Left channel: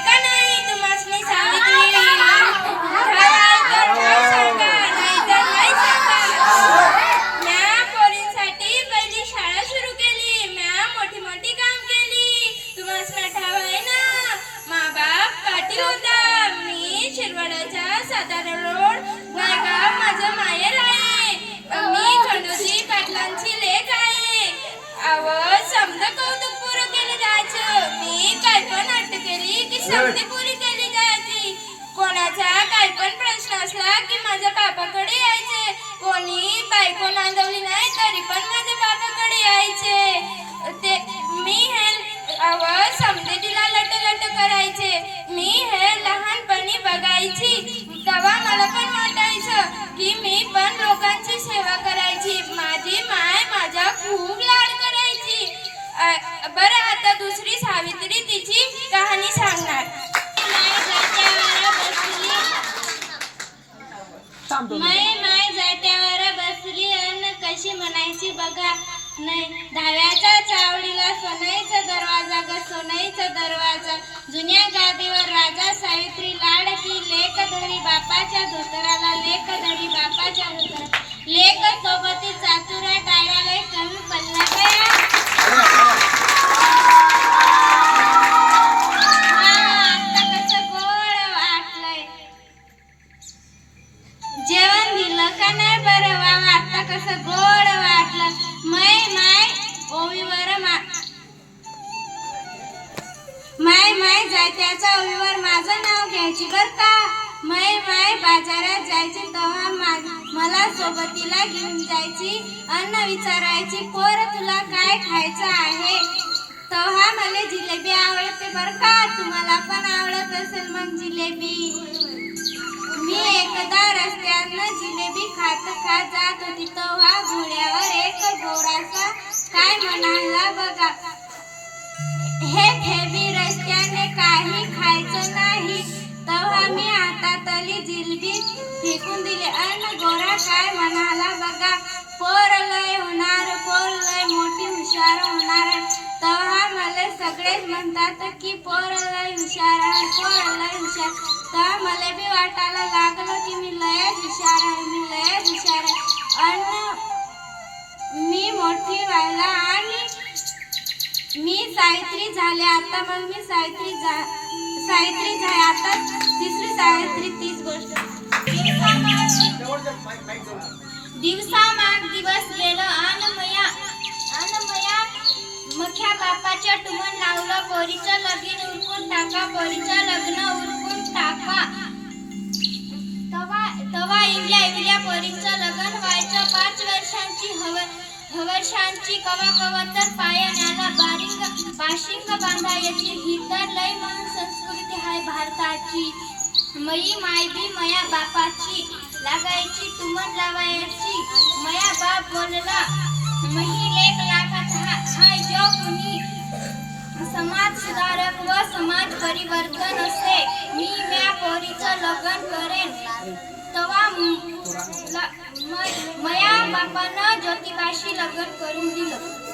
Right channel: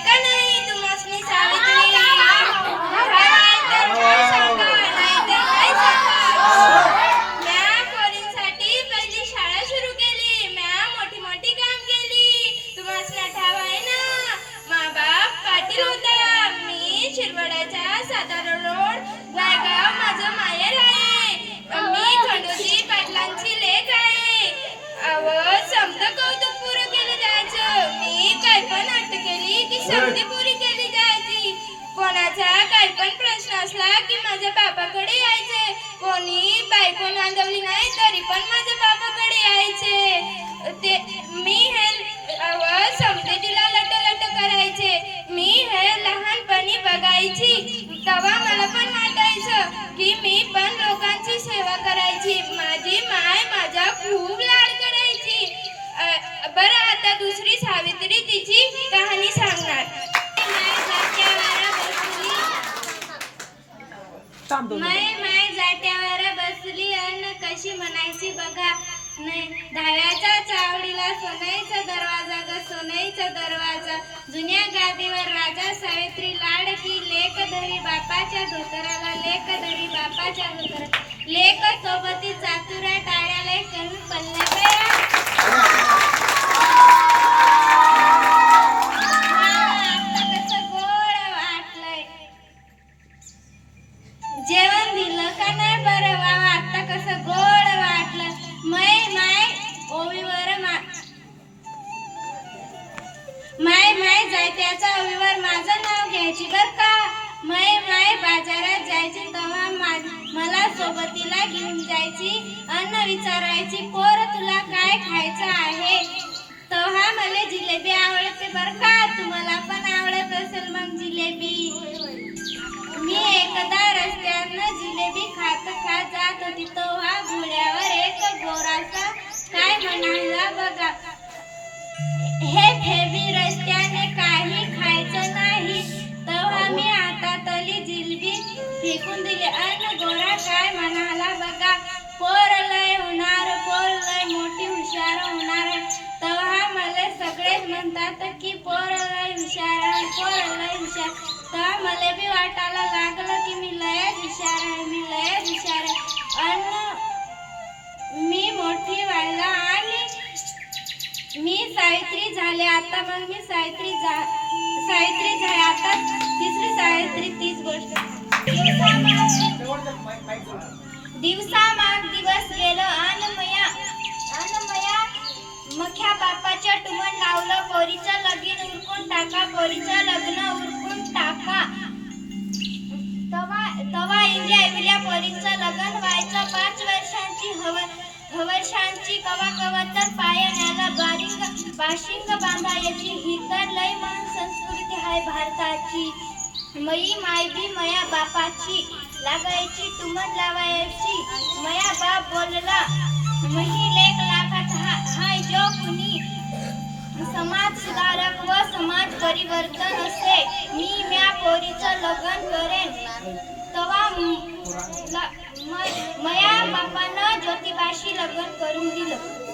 का नाही? तुम्हाला सावित्री हवाय तर नाही काय पण प्रश्न असला की माझ्या बापाकडे यायचे. कोणी बायको नांदवली नाही तरी पण माझ्या बापाकडे यायचे. ते मी हे अव तिला लट लट करायचे. मी हे लहानपणी बघायची. तेव्हा मला पण वाटायचं की मी पण लोकांची सेवा करायची. माझी माय माझा खूप लाड करायची. बरं आता दुसरी सावित्री तिची कहाणी सांगणार. माय माय जात्यावर बसली अन कशी म्हणायची बघा. नाही धाव्याच्या चावडीला सोनाईचा दरवाजा ग सोनाईचा दरवाजा. जुन्या गादीवर राजा सावित्री लाडकी लेक धरी बापाच्या धोतराला लेक धरी बापाच्या धोतरा लेक सोबत माय माय जायत्याचा ओवीवर माझं नाव घ्यायची बर का? माय माय बाजारात जायची तेव्हा मा- मला सोबतीला घेऊन जायची अन्न विचारायची पोर तुला काय खायचं आहे? तेव्हा मला जिलेबी आवडते बर का? तुम्हाला पण आवडत असेल मग जिलेबी. मी एकदा रस्त्यानं जिलेबी खात खात जात होती तेव्हा घोड्यावर एक गोरासा काय म्हणाला जिलबी फेकून दिली. आणि गोरा काय म्हणाला बघा पोर लय होणार पोर लय मोठी हुशार होणार. तेव्हा मला सगळेच म्हणतात की पोर लय हुशार आहे पोर लय हुशार. तेव्हा मला बी वाटायला लागलं की मी लयच हुशार आहे मी लयच हुशार आहे. अन मी मोठी व्हायला आणि मी सावित्री झाले. आता मग मी सावित्री झा सावित्री झाले आता तिसरी सावित्री ती दिवसा माग दिवस गेलो अन मया अन मया मख्या बापाच्या टुमन लावलं पोरीचं लगीन उरकून टाका पोरीचं लग्न उरकून टाका. तवा तवा इंडिया इवल्या पोरीचं लग्न व्हायचं पाच वर्षांची हव हवर्षांची कवा कवा तर पायाण्याला बारिंग बाशिंग बांधायची. ही तर लय म्हणून संस्कृती आहे भारताची. मई मायबी मया बापाची लागायची टुमन लावायची. मया बाप बोलला मही लेख लागत हा- हाय जो कुणी. समाज सुधारक व समाज परिवर्तन असे मी म्या पोरीचं लग्न करेन. तवा मया बापानं ज्योतिबाशी लग्न करून दिलं.